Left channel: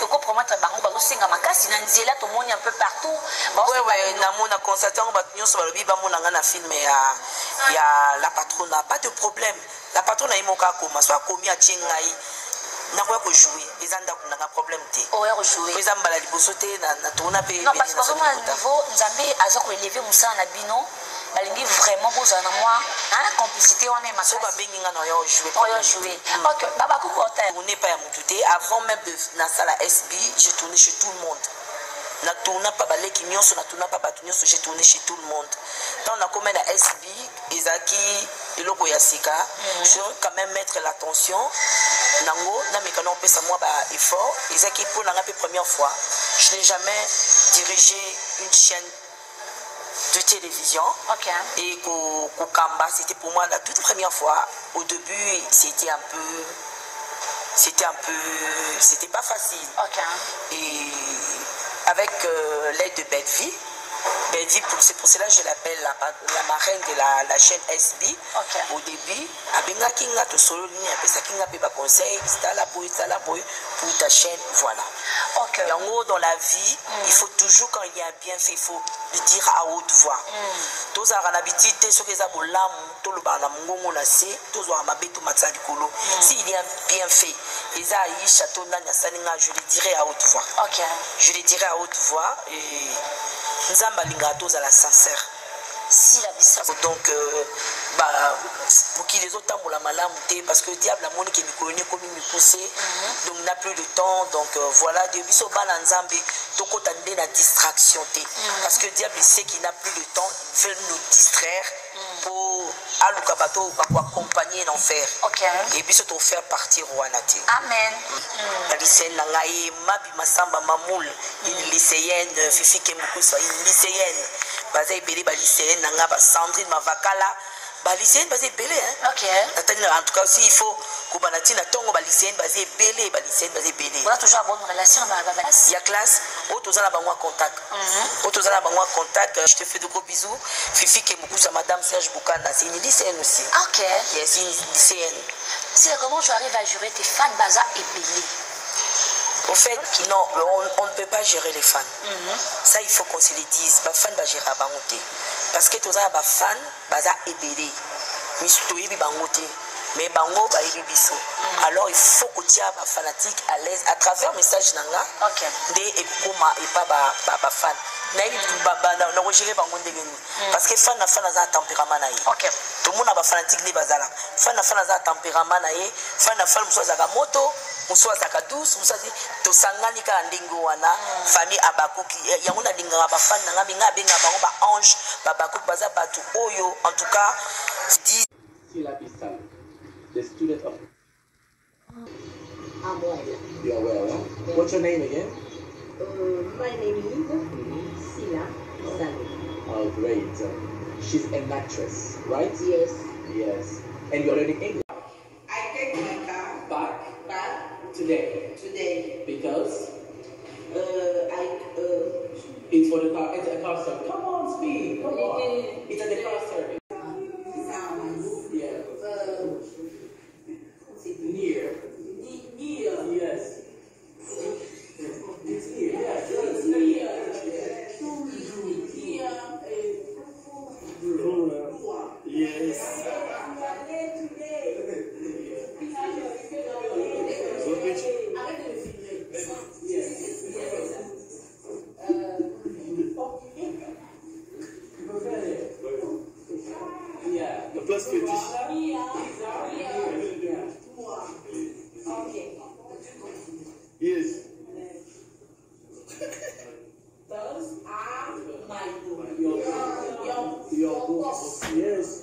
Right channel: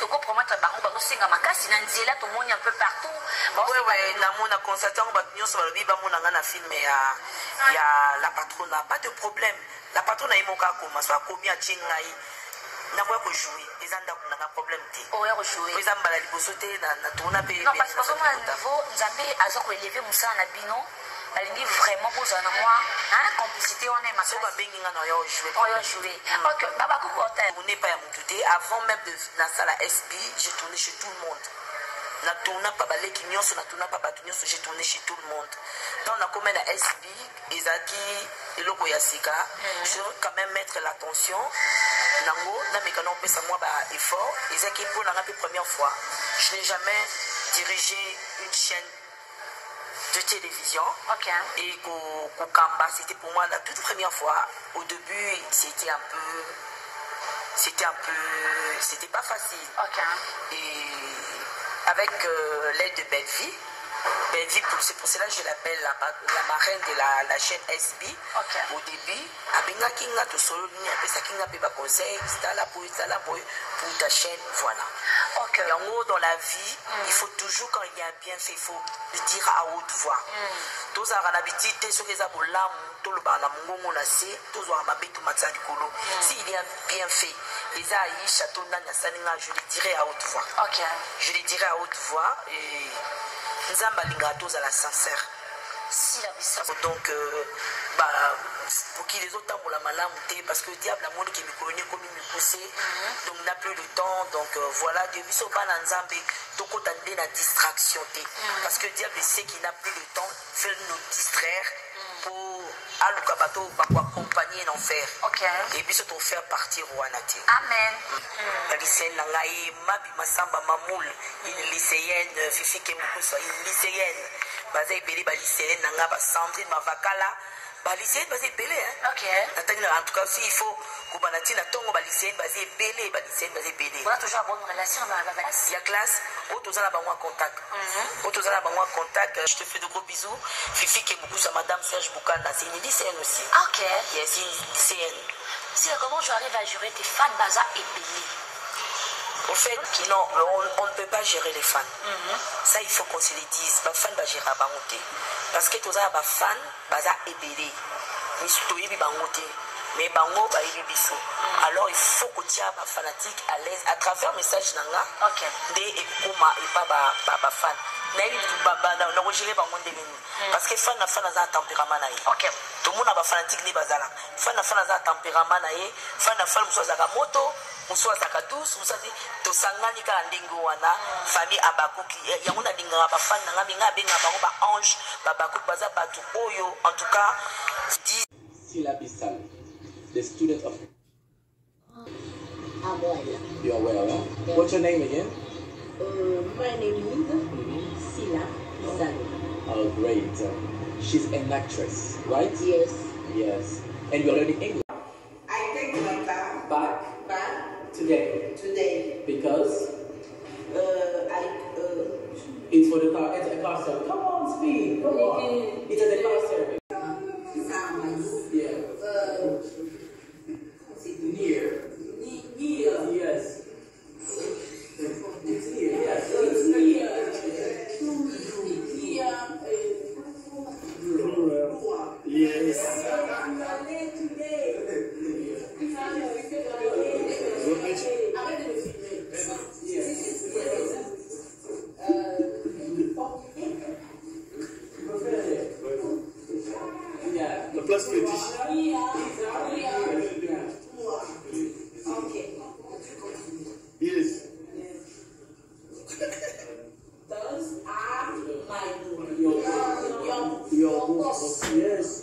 que quoi promettre bango bazo singa makasi na nzela to moni un peu partout. Ouais, na mona constatant ba nyonso ba lobi ba mona nga film ya la patronne, pas de problème. La patronne a moka koma soit komi a chengai. Na quoi que jouer, les anda qu'on a un problème té. Oh, ya jouer. Les amba la libosoté na tourna pe. Non parce que vraiment à niveau Nzambe azo élever musa na bino. Balingi vraiment besoin de moi, hein, complicité on est ma soeur. Ba bengi nga na yo jouer. Oh yo jouer. OK, baba ko kota. On n'est pas à Moutouté avant même de na salle SB, j'ai tourné chez tout le monde. Na tourna pas baleki nyonso na tourna pas batu nyonso, j'ai tourné chez tout le monde. Quand on a commis la SB, Ezaki eloko ya sika, je veux quand même mettre l'attention. Nango na mekano pesa moi ba effort, Ezaki pour la première fois, je n'ai jamais dirigé une chaîne de télévision. Okay. Et Kokamba, c'était pour moi la toute première fois. Au début, c'était pas facile. Okay. Et avec l'aide de Bedvi, c'est pour cela que je l'appelle la marraine de la chaîne SB. Okay. Au début, Abenga Kinga to solo ligne, après ça Kinga peut pas conseil, c'est la boy pour ta chaîne, voilà. Okay. Et en haut dans la vie, il faut toujours quand il y a un bienfait, il faut le dire à haute voix. Tous à l'habitude, ceux qui ont l'âme, tout le bana mungo na se, tous ont ma bête matza du colo. S'il y a un bienfait, les aïe château nana saninga, je le dirai à haute voix. Okay. Je le dirai à haute voix et Nzamba lingatos à la sincère. Si la vie. Donc, pour qui les autres ont la malam, parce que le diable a montré qu'il me connaît comme il me poussait, donc il n'a plus le temps. Donc voilà, depuis ce ban en Zambie, donc on a la distraction. Parce que le diable sait qu'il n'a plus le temps, il veut nous distraire pour Alukabato accompagner l'enfer. Et puis surtout faire partir Rouanati. Amen. Lycéenne Nangaï, Mabi Massamba Mamoul, une lycéenne, Fifi Kemoukou, une lycéenne. Bazé belé ba lycéenne nanga ba Sandrine Mavakala ba lycéenne bazé belé hein. OK. En tout cas aussi il faut ko banati na tongo ba lycéenne bazé belé on a toujours une bonne relation avec la classe. Il y a classe autoza na bango contact. Autoza na bango contact, je te fais de gros bisous. Fifi Kemoukou madame Serge Boukanda, c'est une lycéenne aussi. OK. Yes, une lycéenne. C'est comment tu arrives à gérer tes fans baza et belé? Au fait, non, on ne peut pas gérer les fans. Ça, il faut qu'on se le dise. Les fans vont gérer à Bangoté. Parce que tous les fans vont ébélé. Mais Bango va ébisso. Alors, il faut que tu aies des fanatiques à l'aise à travers le message nanga. OK. Et pas fan. Parce que fan a un tempérament. OK. Tout le monde a un fanatique de bazala. Fan a un tempérament. Fan a moto. Muso azaka douce, muso azi to sangani ka ndingo wana famille abakuki yamuna dinga ba fan nga minga benga bango ba ange ba bakuki baza batu oyo en tout cas dit Sila Bissal, the student of Amoel. You are well, huh? What's your name again? My name is Sila Bissal. Oh, great. She's an actress, right? Yes. Yes. And you're learning English? I take my car Back today. Because? It's for the car. It's a car service. Come on, speak. Come on. It's at the car service. Yeah. Near. Yes. It's near. Yes. It's near. Yes. La place fétiche. Yes. Those are my Your books. Yes.